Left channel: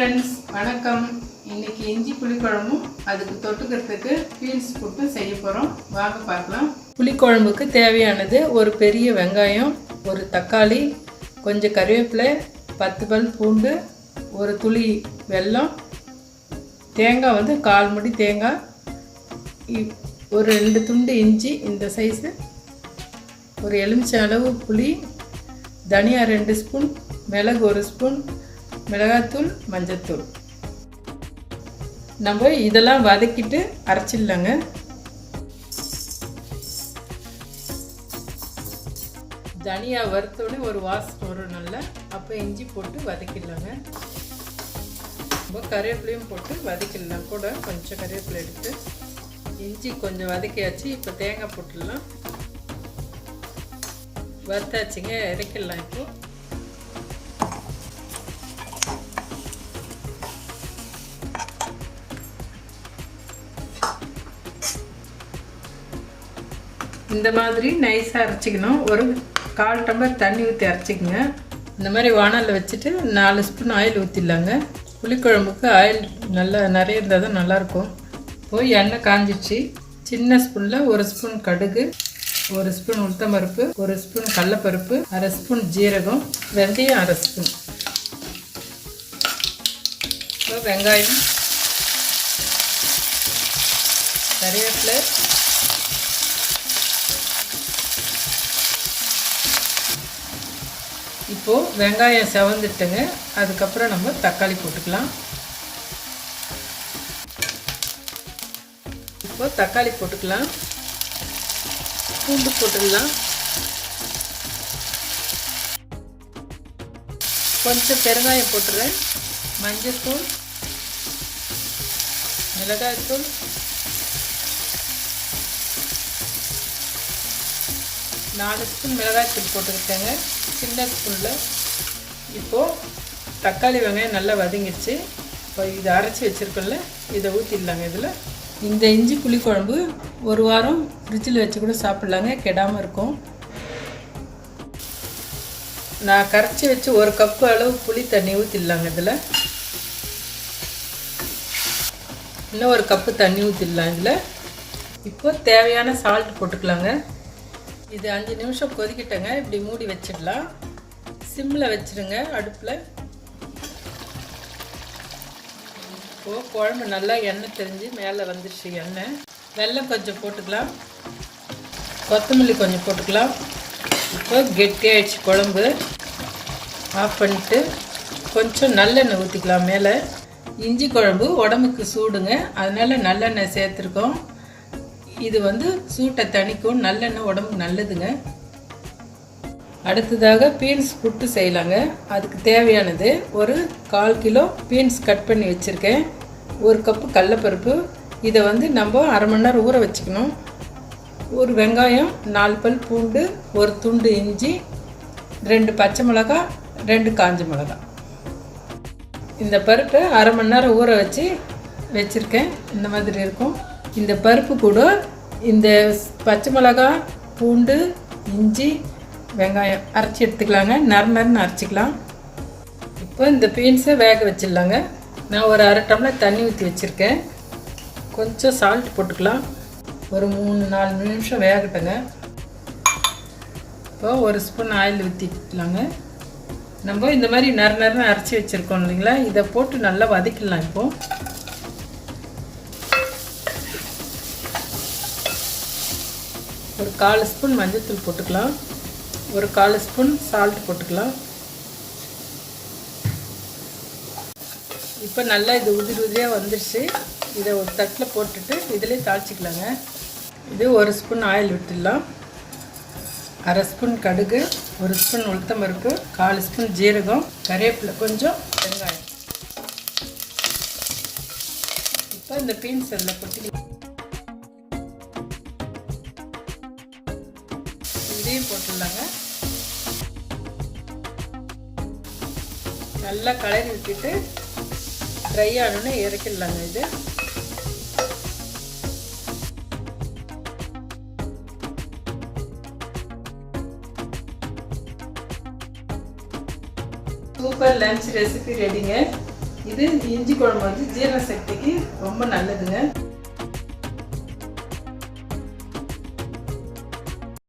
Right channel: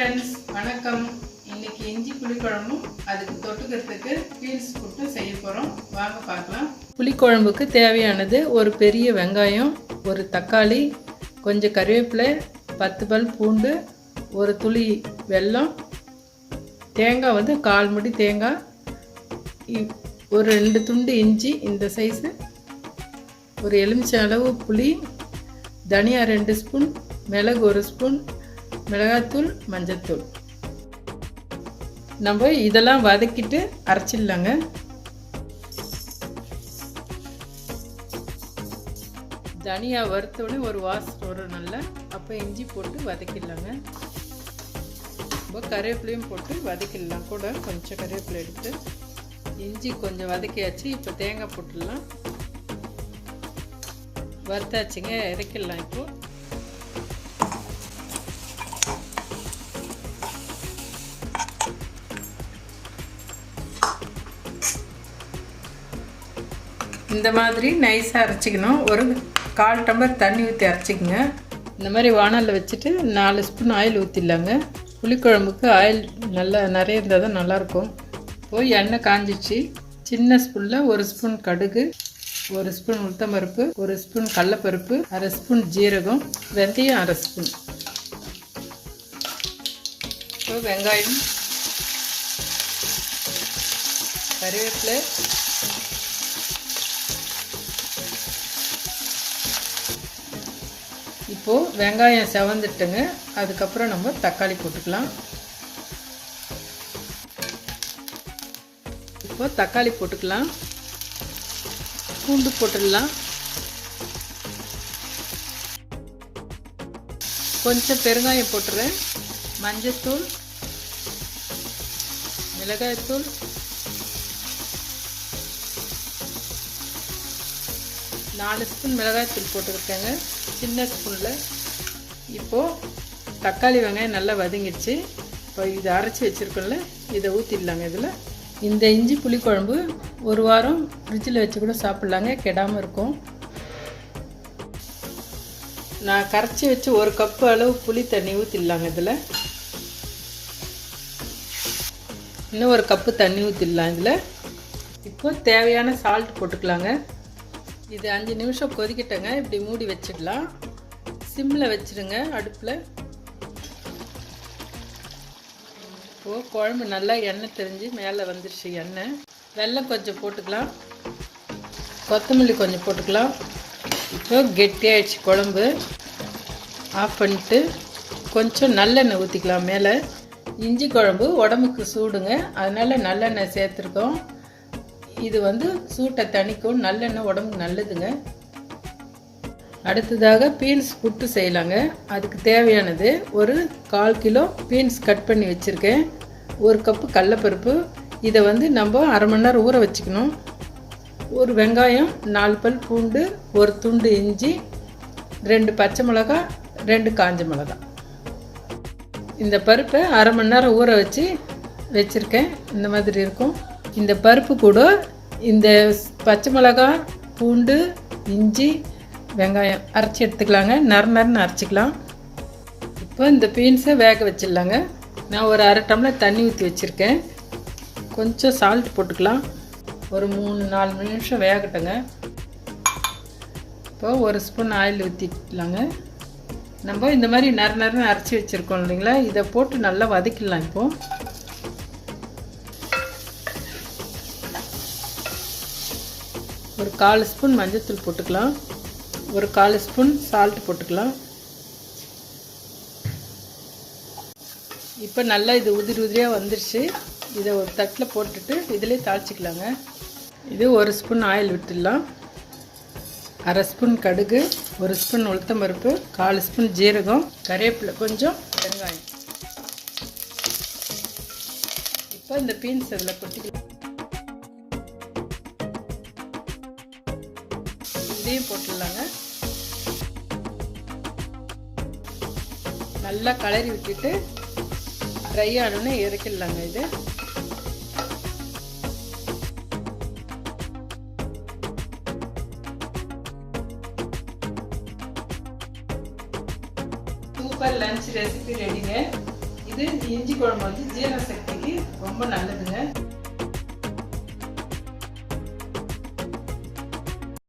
Friends, வணக்கம். இன்னைக்கு இஞ்சி புளிக்குழம்பும் அதுக்கு தொட்டுக்கிறதுக்கு பீன்ஸ் போட்டு செய்ய போகிறோம். வாங்க பார்க்கலாம். புளிக்குழம்புக்கு தேவையானது ஒரு பெரிய வெங்காயம், ஒரு தக்காளி, கொஞ்சம் கருவேப்பிலை, 10 பல் பூண்டு, ஒரு துளி வெல்லம், தேங்காய் வந்து 1/4 முடி தேங்காய், ஒரு 2 துண்டு இஞ்சி இந்த சைஸு, ஒரு எலுமிச்சை அளவு புளி, தனியா 2 ஸ்பூன், மிளகு 1 ஸ்பூன், மிளகாத்தூள், மஞ்சத்தூள். நம்ம இதெல்லாம் வதக்கிட்டு அரைச்சிடலாங்க. தனியா வறுத்தோடனே ஒரு வாசம் வரும் நல்லா. அப்போ இஞ்சி போட்டு வதக்கிடலாங்க. நம்ம கருவேப்பிலையும் போட்டு வதக்கிடலாம். கூட கொஞ்சம் கருவேப்பிலை எடுத்து இஞ்சி கொஞ்சம் வதக்கியாச்சு. இப்போ தேங்காய் போட்டுடலாம். வறுத்தாச்சுங்க, இறக்கிடலாம். இப்போ இந்த மாதிரி நைஸாக அரைச்சிக்கணும். ஒரு 1/4 டம்ளர் தண்ணி ஊற்றி அரைச்சிக்கங்க. இந்த மாதிரி வானலில் வச்சுட்டு 4 ஸ்பூன் ஆயில் ஊற்றிடலாங்க. புளிக்குழம்புக்கு ஆயில் நல்லா நிறைய இருந்தால் தான் நல்லாயிருக்கும். போய் எண்ணெய் காஞ்சிச்சு. சின்ன ஸ்பூனில் 1 ஸ்பூன் கடுகு, 1 ஸ்பூன் உளுத்தம்பருப்பு, 1 ஸ்பூன் கடலைப்பருப்பு, 1/2 ஸ்பூன் ஜீரகம், வெந்தயம் 1/2 ஸ்பூன். வெங்காயம், கருவேப்பிலை, இப்போது வெங்காயம் செவந்துட்டுங்க. அதுக்கப்புறம் நம்ம தக்காளி போட்டுக்கலாம். இப்போது தக்காளி போட்டுக்கலாம். பூண்டு போட்டுக்கலாம். கொஞ்சம் பெருங்காயம் போட்டுறேன். மஞ்சத்தூள், மிளகாய்த்தூள், நாலு ஸ்பூன் மிளகாய்த்தூள் போட்டுருக்கேங்க, சின்ன ஸ்பூனில். இப்போது தக்காளி வெங்காயம் நல்லா வதங்கிடுச்சு. இப்போ இதை அரைச்சி வச்சுருக்கோம்ல, இதை ஊற்றிடலாங்க. இதில் இந்த இஞ்சி புளிக்குழம்பு 1 வாரம் ஃப்ரிட்ஜில் வச்சு கூட சாப்பிட்லாங்க, கெடாமல் இருக்கும். நான் கரைச்சி வச்சு 1 கப்பு அளவு புளி தண்ணி ஊற்றிடலாங்க. இதில் இன்னும் 1 கப்பு தண்ணி ஊற்றிடலாம். இதில் இப்போது தேவையான சால்ட் போட்டுக்கலாங்க. இது 5 நிமிஷம் கொதிக்கிட்டங்க. இப்படி மூடி வச்சிடலாம். சிம்மில் வச்சுருங்க அடுப்பில். இப்போ குழம்பு நல்லா எண்ணெய் தெரிஞ்சு மேலே வந்துடுச்சு எண்ணெய். வெல்லம் கொஞ்சம் போட்டுக்கலாம். கொத்தமல்லி கொஞ்சம் போட்டுக்கலாம். இப்போ கெட்டியாகிடுச்சு குழம்பு. ஆஃப் பண்ணிட்டு கொஞ்சம் நல்லெண்ணெய் ஊற்றிக்கலாம் மேலே. இஞ்சி குழம்பு உடம்புக்கு சூடுங்க, அதனால் நல்லெண்ணெய் சேர்த்துருக்கோம். இது வந்து சூட்டை தணிக்கும். நல்லெண்ணெய் உடம்புக்கு நல்லதுங்க. அடுத்ததாக பீன்ஸ் புட்டு செய்யலாங்க. அதுக்கு தேவையானது ஒரு 1/4 கிலோ பீன்ஸ் கட் பண்ணி வச்சுருக்கேன். 1 கப்பு கடலைப்பருப்பு. இதை வந்து நம்ம 1/2 மணி நேரம் ஊற வச்சுக்கணும். ஒரு வெங்காயம், 4 பல் பூண்டு, 1 துண்டு இஞ்சி, 2 பச்சை மிளகாய், 2 காஞ்ச மிளகாய். இந்த பருப்பை 1/2 மணி நேரம் ஊற வச்சுருக்கேன். இந்த மாதிரி இருக்கும். இந்த பருப்பு கூட இந்த பச்சை மிளகாய், பூண்டு, இஞ்சி, வெங்காயம் அரைச்சி எடுத்துக்கலாங்க. நறுன்னு அரைச்சிக்கலாம். இப்போ இந்த பீன்ஸை வேக வச்சிடலாங்க. நான் ஒரு 1/2 டம்ளர் தண்ணி ஊற்றி வச்சுருக்கேன். கொஞ்சம் சால்ட் போட்டுக்கலாம். ஒரு 3-4 நிமிஷம் வேகட்டுங்க. இப்போ 1 ஸ்பூன் ஆயில் ஊற்றிக்கலாங்க. நம்ம இந்த மாதிரி நறுன்னு அரைச்சி வச்சுருக்கோம் இல்லைங்களா, இதை போட்டு நல்லா வதக்கிடலாம். இப்போது ஒரு 1/4 ஸ்பூன் மஞ்சத்தூள் போட்டுக்கலாம். ஒரு 1/4 ஸ்பூன் சால்ட் போட்டுக்கலாம். இப்போ நல்லா இது உதிரியாக வந்துடுச்சு. இதை ஒரு தட்டில் போட்டுட்டு இதிலே தாளிச்சிக்கலாங்க. இது 1 ஸ்பூன் ஆயில் விட்டுடலாம். 1/2 ஸ்பூன் கடுகு, 1 ஸ்பூன் உளுத்தம்பருப்பு, 1/4 ஸ்பூன் ஜீரகம், கருவேப்பிலை, கொஞ்சம் வெங்காயம். இப்போ இந்த பீன்ஸ் அதில் கொட்டிக்கலாம். இதையும் போட்டுடலாங்க. நல்லா கலரி விட்டுட்டு ட்ரை ஆனோன்னு இறக்கிடலாங்க. இது சூப்பர் லஞ்ச் ரெசிபி ரெடிங்க. இது இஞ்சி குழம்பு வந்து ஜீரண சக்திக்கு ரொம்ப நல்லதுங்க.